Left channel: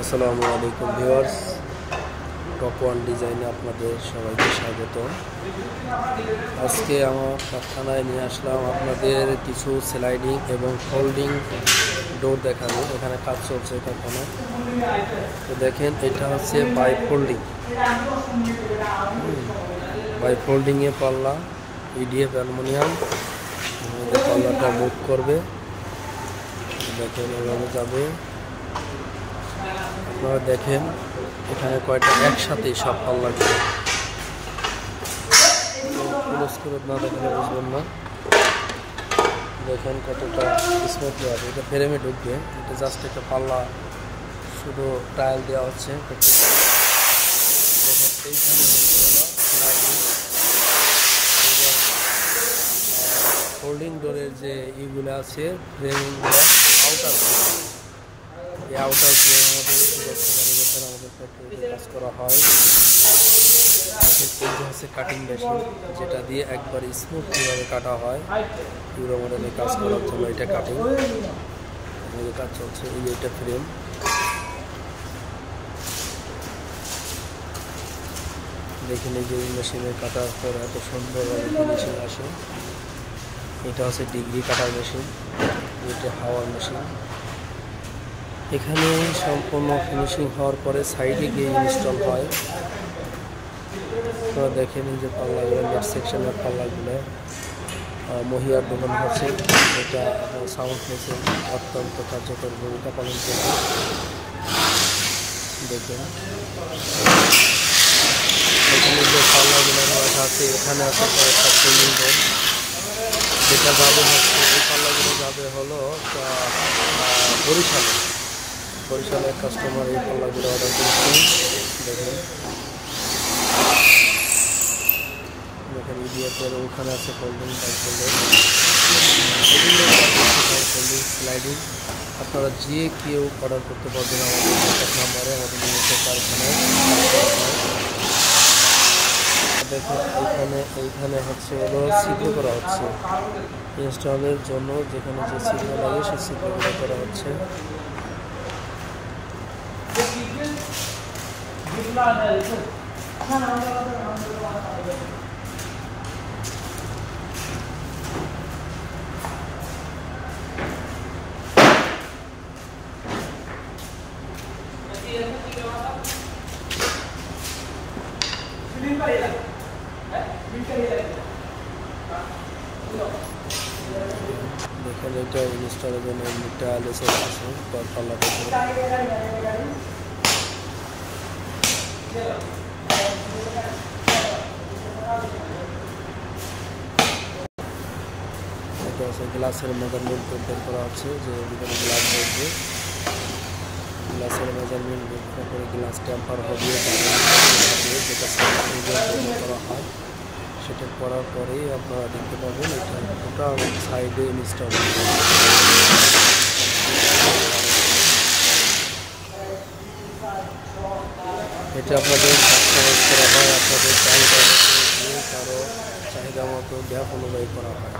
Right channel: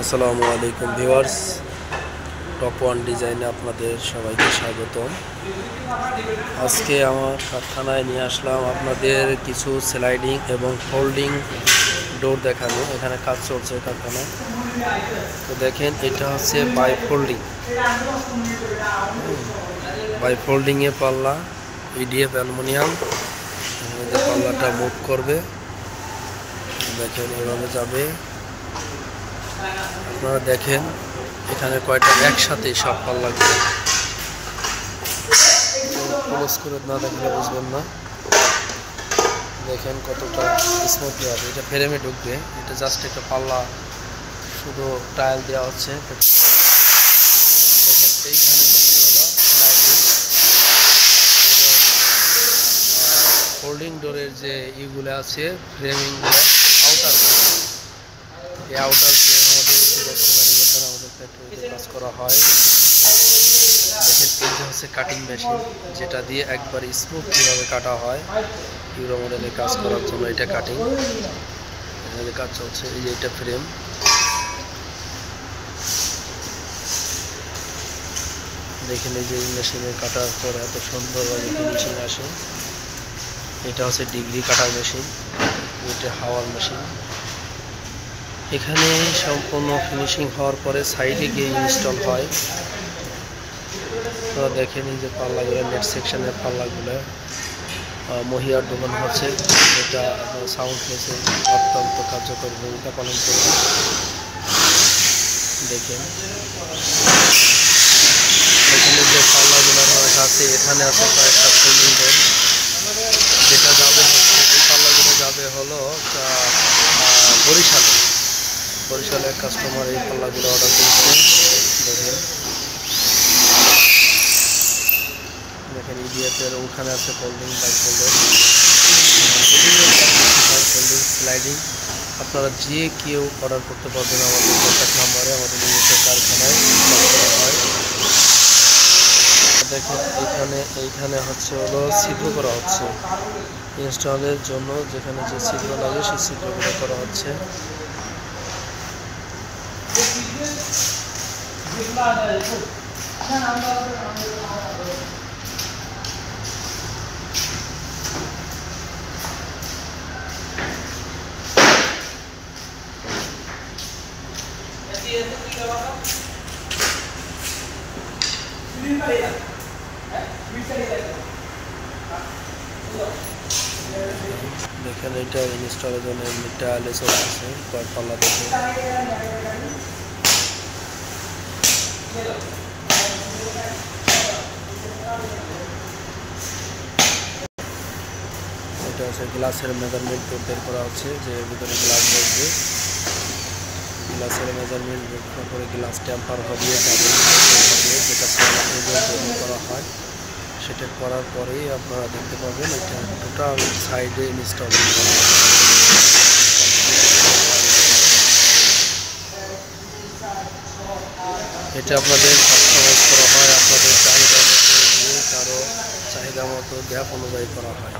আসসালামু আলাইকুম viewers, top one ডিজাইনে আপনাদের সবাইকে স্বাগত। আজকে আমার কারখানায় নিয়ে আসলাম আপনাদের কিছু স্লাইডিং এবং ফোল্ডিং ডোর দেখানো। এখানে কাজ চলছে কারখানায়। তো দেখেন, এটা হচ্ছে বাই ফোল্ডিংয়ে পাল্লা, ইডিএফ অ্যালুমিনিয়াম। পাল্লাটা মুভ করবে, দেখেন এভাবে যাবে। আপনারা দেখেন এখানে কয়টা একসাথে সব পাল্লাগুলো। ক্লোজ করে না দেখলে বুঝবেন না। দেখেন কতটা স্মুথলি হবে। এটা ফ্রেমে ঢুকবে, এটা জাস্ট একটা পাল্লা, শুধু টাইল দেওয়া হচ্ছে। দেখেন এইখানে হচ্ছে হলো স্লাইডিং এবং ফোল্ডিং ডোরের যে ইগুলো আছে, ফ্রেমিংগুলো, আউটার ফ্রেম। এই আউটার ফ্রেম আমাদের আমাদের ফ্যাক্টরিতে কাজ করা হয়। দেখেন এই যে হচ্ছে কাটিং মেশিন, যেটা দিয়ে একবার স্মুথ কীভাবে কাটা হয়। ইউরো মডেলে কাজ করার জন্য এটা কাটিং, এখানে কাজ চলছে। এই যে এটা ফ্রেম। দেখেন এই যে মেশিনে কাটার পর এত সুন্দরভাবে ফিনিশিং আসে। এটা হচ্ছে ডিগ্রি কাটার মেশিন, এটা হাওয়ার মেশিন। এখানে সম্পূর্ণ ফিনিশিং হওয়ার পরে সাইডে গিয়ে ইনস্টল হয়। আপনারা দেখেন এই যে পাল্লাগুলো, নেট সেকশনের পাল্লাগুলো মহিয়ার দোকান হচ্ছে। এটা সাউন্ড মেশিন অত্যন্ত কার্যকর ভূমিকা পালন করবে। দেখেন এখানে যে পাল্লাগুলো রাখা আছে, এখানে আছে কয়েকটা ফোল্ডিং ডোর, যেটা যাবে হচ্ছে, এই পাল্লাগুলো যাবে হলো বরিশালের কাস্টমার এই পাল্লাগুলো অর্ডার করেছে। দেখেন ইডিএফের ওখানে আছে folding, bi folding, folding, sliding. আপনারা যে কেউ অর্ডার করতে পারবেন আমাদের কন্ট্যাক্ট নাম্বারে। আমাদের নিজস্ব কারখানায় কাজ করা হয়। দেখেন এইখানে হচ্ছে হলো ছিদ্র করা হচ্ছে ইনস্টলের জন্য। যেখানে যে ছিদ্র লাগে সেই ছিদ্রগুলো করা হচ্ছে। দেখেন এটা ইনস্টলের জন্য টাইলে চলতেছে, কয়েক পাল্লা দেখে। এটা হচ্ছে গ্লাসের মেজারমেন্ট বের করা হচ্ছে, যে ভিতরে গ্লাস বসবে। গ্লাসের মেজারমেন্ট বের করে গ্লাস টেম্পার হবে, যেটা করা হয়। সেটা করার পরেই আপনারা দেখতে পাবেন এটা টোটাল সাইডে ইনস্টল। এটা আপনাদের কাস্টমাইজ করা হয়, আপনাদের চাহিদা মতো, যে কারো চাহিদা মতো গ্যাপ অনুযায়ী করা হয়।